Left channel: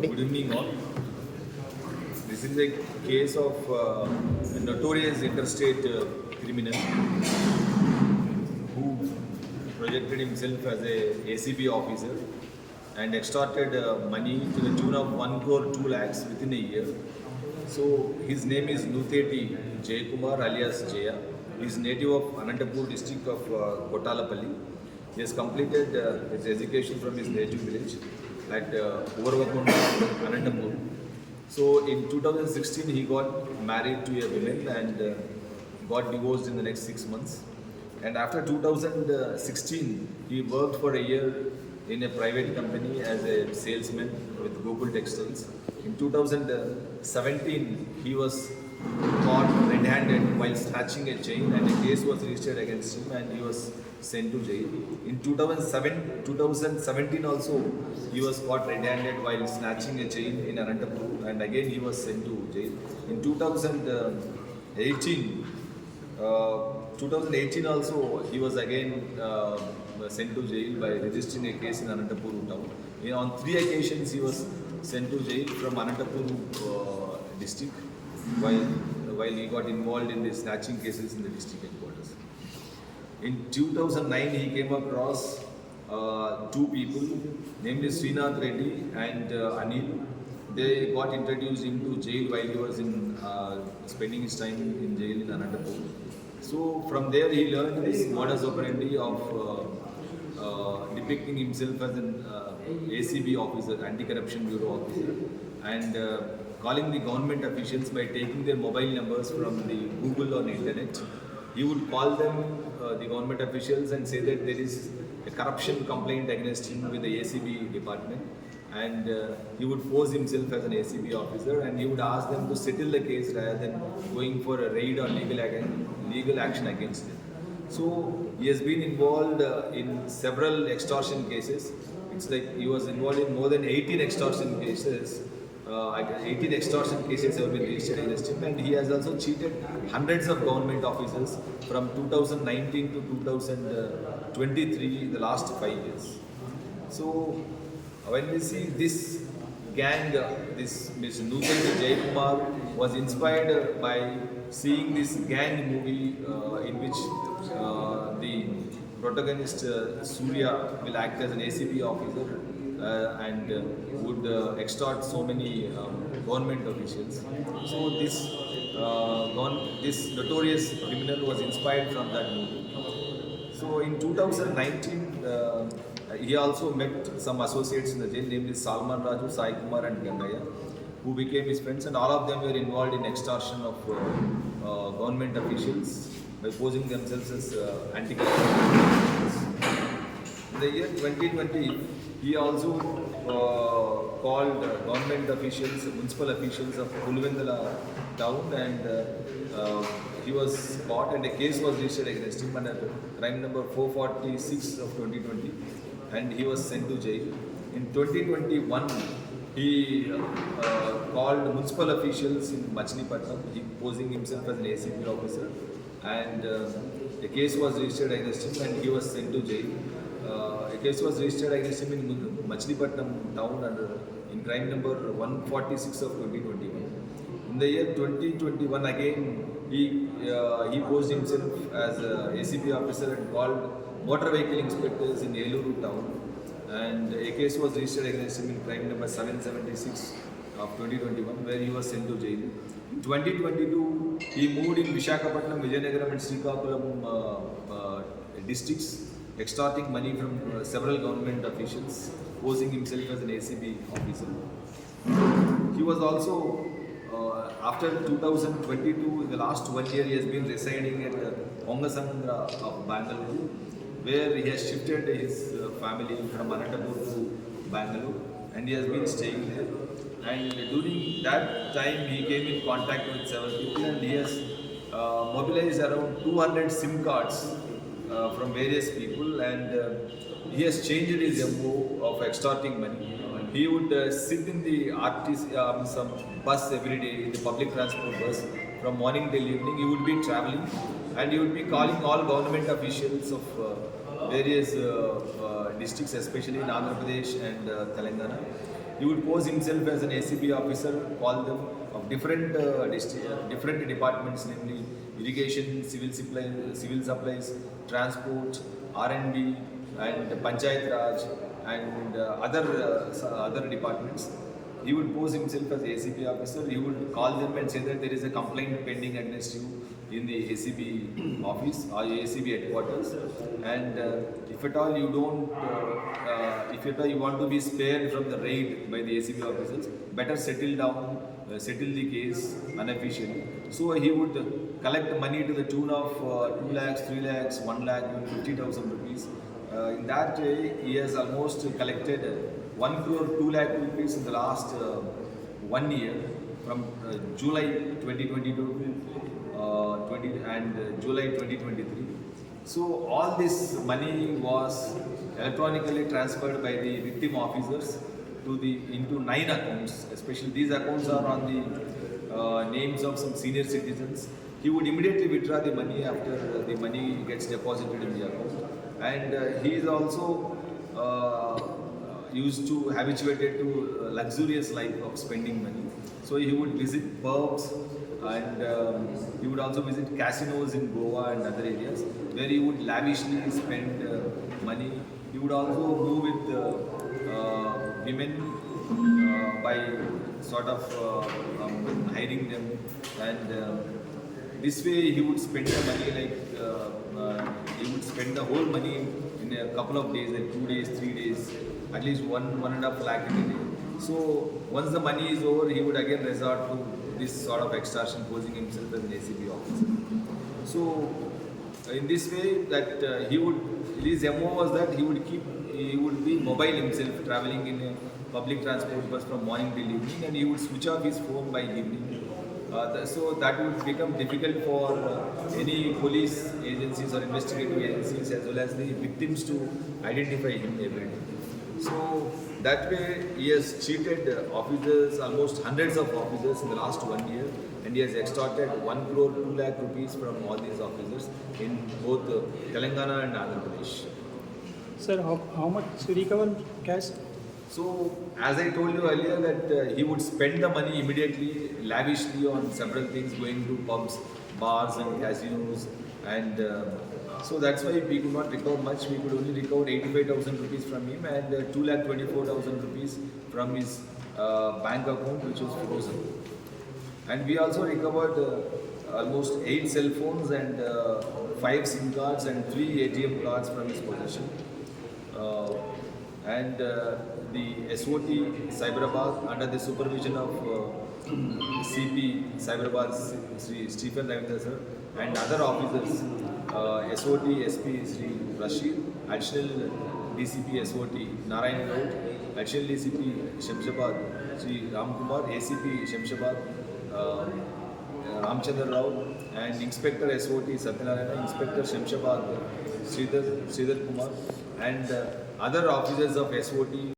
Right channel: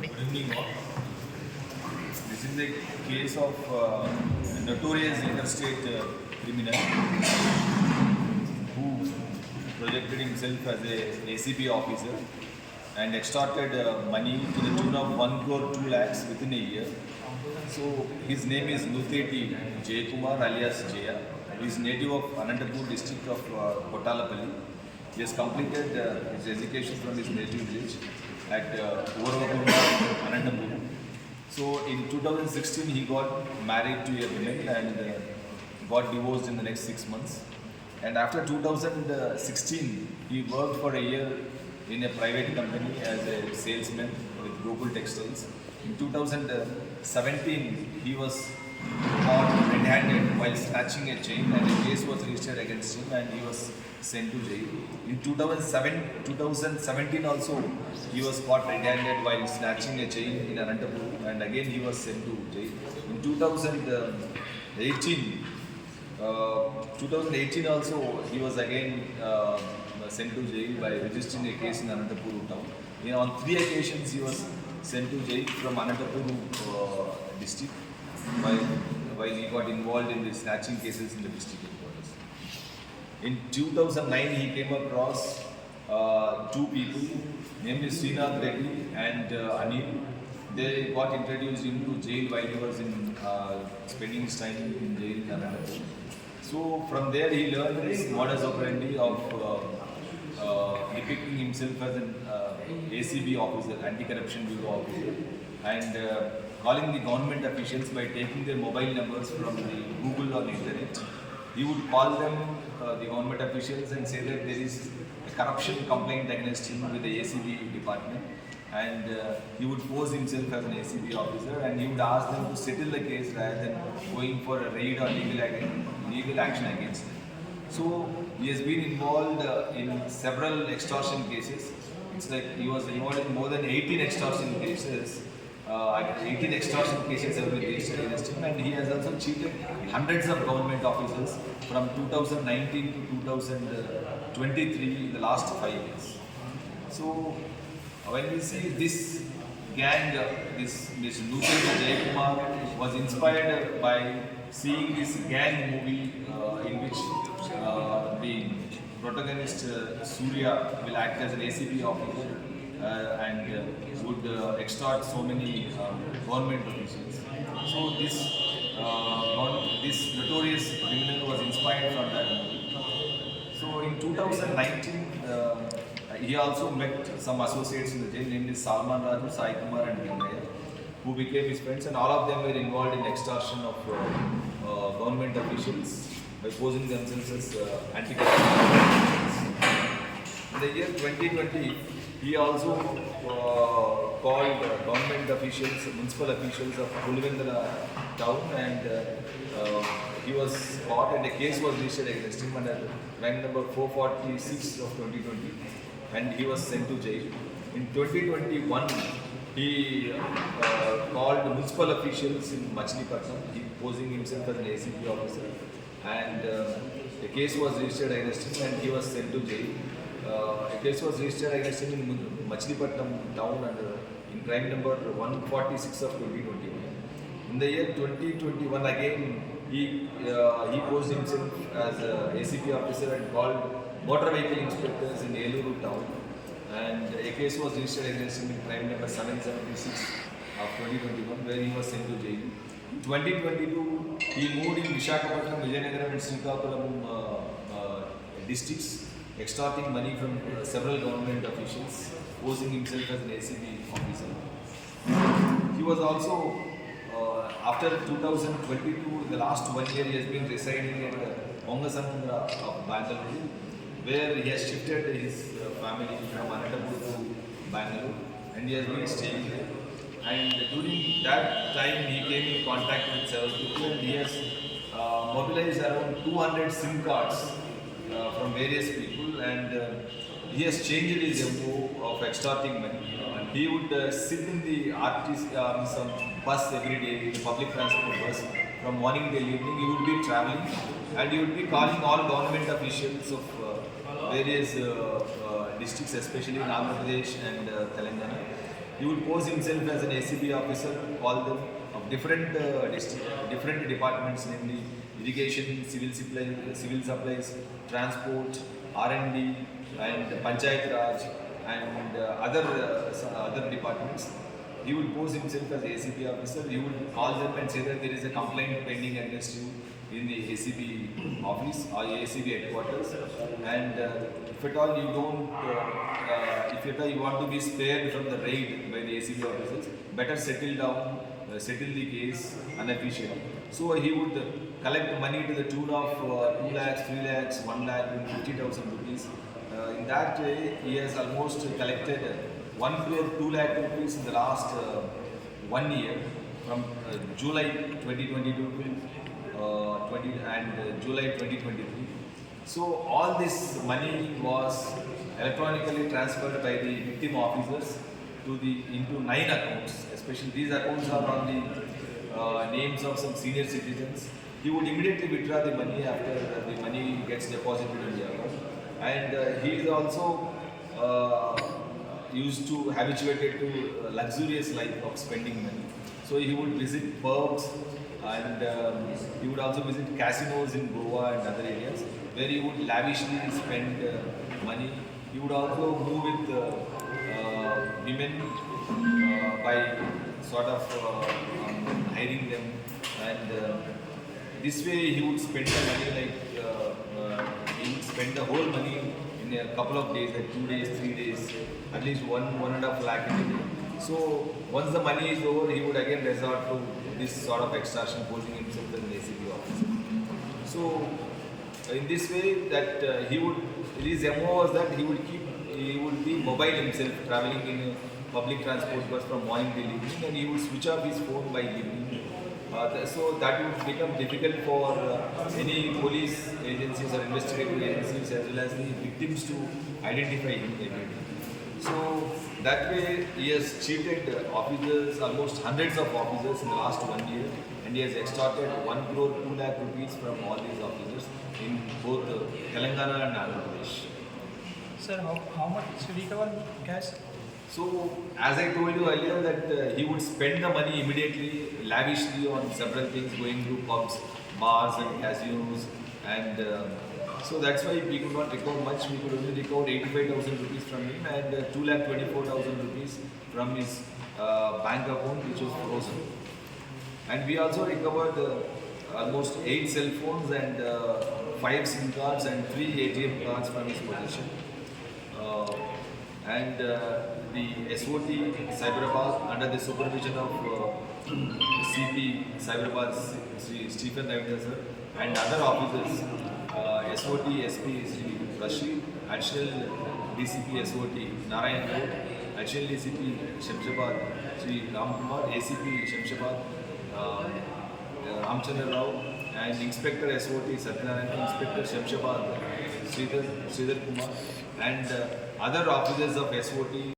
Good evening, all. This is a case of a notorious interstate criminal who projected himself as a ACP officer and extorted money to the tune of 1 crore 2 lakhs within a year. So his name is Nuteti Jayakumar alias Jaya. He is native of Anantapur district of Kotalapalli. He has completed his education from his native village at Urvakonda, Anantapur. So in 2016 he got married to a woman and got divorced in the next 6 months. And after 2016 he worked for a year in a private company as a salesman with Google Textiles. In 2017 he was caught red-handed while snatching a chain and a case was registered against him and he was sent to jail. In 2017 also he was caught red-handed while snatching a chain in Anantapur and again he was sent to jail. In 2018 also he was again sent to jail by registering a case in Anantapur town. On 3 occasions he was sent to jail from Anantapur district while he got involved in the snatching cases in the district headquarters. In 2009 he came across 2 people, namely Srinath Reddy and Anil. They got introduced into jail while he was spending his time in jail in Anantapur. So from there he learned this modus operandi of depicting himself as an ACB officer, Anti-Corruption Bureau officer, and calling the government officials by taking their mobile numbers from the Google or the internet. He would call them, the government officials, and say that there is a corruption complaint against him with the ACB department, and he would pose himself as an ACB officer and he would ask them to settle the case rather than going for a raid or legal action against them. So he has been involved in several extortion cases. It's like he was involved in more than 18 extortion cases. 18 extortion cases have been registered against him, and he has also cheated hundreds of government officers from 2019 to 2023, the last 5 years. So when we see this gang, this Ms. Nuteti Jayakumar was inspired by seeing this gang movie in which the protagonist Surya will act as an ACP officer and would extort so many government officials. So this notorious criminal was inspired from that movie. So in 2019, he also met some associates in the jail, namely Salman Raju, Sai Kumar and Gangaya, who became his friends, and all of them were involved in extortion of government officials by posing themselves as anti-corruption. In the year 2020, he also called government officials, municipal officials of Pulivendala town, and he was caught and a case was registered against him under crime number 446 of 2020, and he was sent to jail. In 2021, he called municipal officials in Machilipatnam, he posing himself as an ACP officer, and a case was registered against him and he was sent to jail. A case was registered against him in Machilipatnam town in crime number 146 of 2021. In the year 2021 again, he posed himself as a ACP officer and called motor vehicle inspectors in Eluru town, and a case was registered against him in crime number 776 of 2021 where he was sent to jail. In 2022, he moved in Visakhapatnam, Vijayanagaram and Srikakulam districts, extorting money from several government officials, posing himself as an ACB officer. He was also, after 2022, in the last 1 year, he has been residing at Ongasandra of Bangalore, where he has shifted his family from Anantapur to Bangalore, and he has been staying there. And during that time, he came in contact with several people, and he has mobilized around 200 SIM cards from various people, and he has changed his MO of extorting money. He would sit in the some bus every day, the public transport bus, from morning till evening. He would be traveling, and he would be calling all government officials of various districts, especially in Andhra Pradesh and Telangana. He would pose himself as an ACB officer, call them of different departments, namely irrigation, civil supplies, transport, R&D, and Panchayat Raj, and other departments. He would pose himself as ACB officer. He would call them and say that there is a complaint pending against you in the ACB office or ACB headquarters, and if at all you don't, if at all you want to be spared from the raid by the ACB officers, better settle down, settle the case unofficially. So he would collect money to the tune of 2 lakhs, 3 lakhs, 1 lakh, 50,000 rupees. In that way, he has almost collected 1 crore 2 lakh rupees in the last 1 year, from July 2022 to July 2023. So all this money was electronically transferred by the victim officers into 9 accounts. Especially these accounts are on the names of some senior citizens. He would immediately withdraw the money after the money gets deposited in the account, and he is also used to habituated to luxurious life of spending money. So he would visit pubs, and he would also visit casinos in Goa and other areas where he would lavishly spend money. He would also move with women by sort of hiring them, and this way he would spend the money he would spend the whole money in a couple of days, like 2 days, 3 days, at least 1.5 lakh in a day. So once the money is over, he would again resort to this sort of extortion, posing himself as an ACB officer. So in this way, that his MO was that he would be mobile himself, traveling in a public transport bus from morning till evening, and he would switch off his phone by evening. So that would become difficult for any police agencies or investigative agencies as well as the victims to identify him every day. So that way he has cheated officers, almost hundreds of officers in the last 1 year, and he has extorted 1 crore 2 lakh rupees from all these officers in both Telangana and Andhra Pradesh. Sir, how much recover cash? So, as I told you earlier, that he would spend the money immediately, lavishly on several things, going to pubs, bars, and casinos, and so that's why we could not recover much. We could only recover 85,000 rupees from him and 2,24,000 rupees from his bank account, which was frozen. And we also recovered almost 8 cell phones and 5 SIM cards and 3 ATM cards from his possession. And the SOT Cyberabad, under the supervision of CP Cyberabad Sri Stephen Ravindra sir, and other officers, SOT SP Sri Rashid, additional DCP SOT Narayan Road, additional DCP Shamshabad Sri Ramkumar, ACP Shamshabad Ramchandra Rao, and Inspector SOT Satyanarayana, Inspector Shamshabad Sridhar Kumar, and other officers of SOT